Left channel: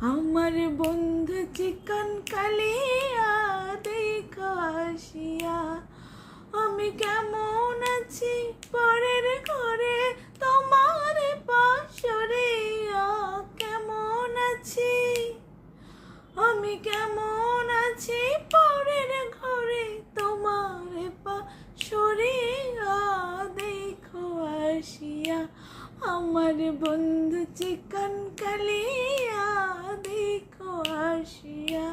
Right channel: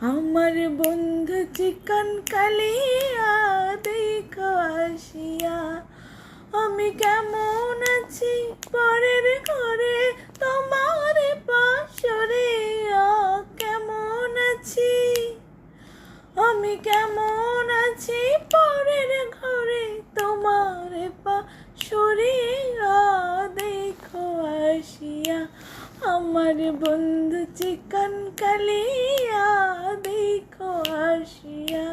আমার বন্ধু চিকন কালিয়া দেখো আসিয়া। আমি কেমন আছি পরের ঘরে তোমার পাশরে, কেমন আছি আমি, কেমন আছি পরের ঘরে তোমার পাশরে দেখো আসিয়া। আমার বন্ধু চিকন কালিয়া দেখো আসিয়া।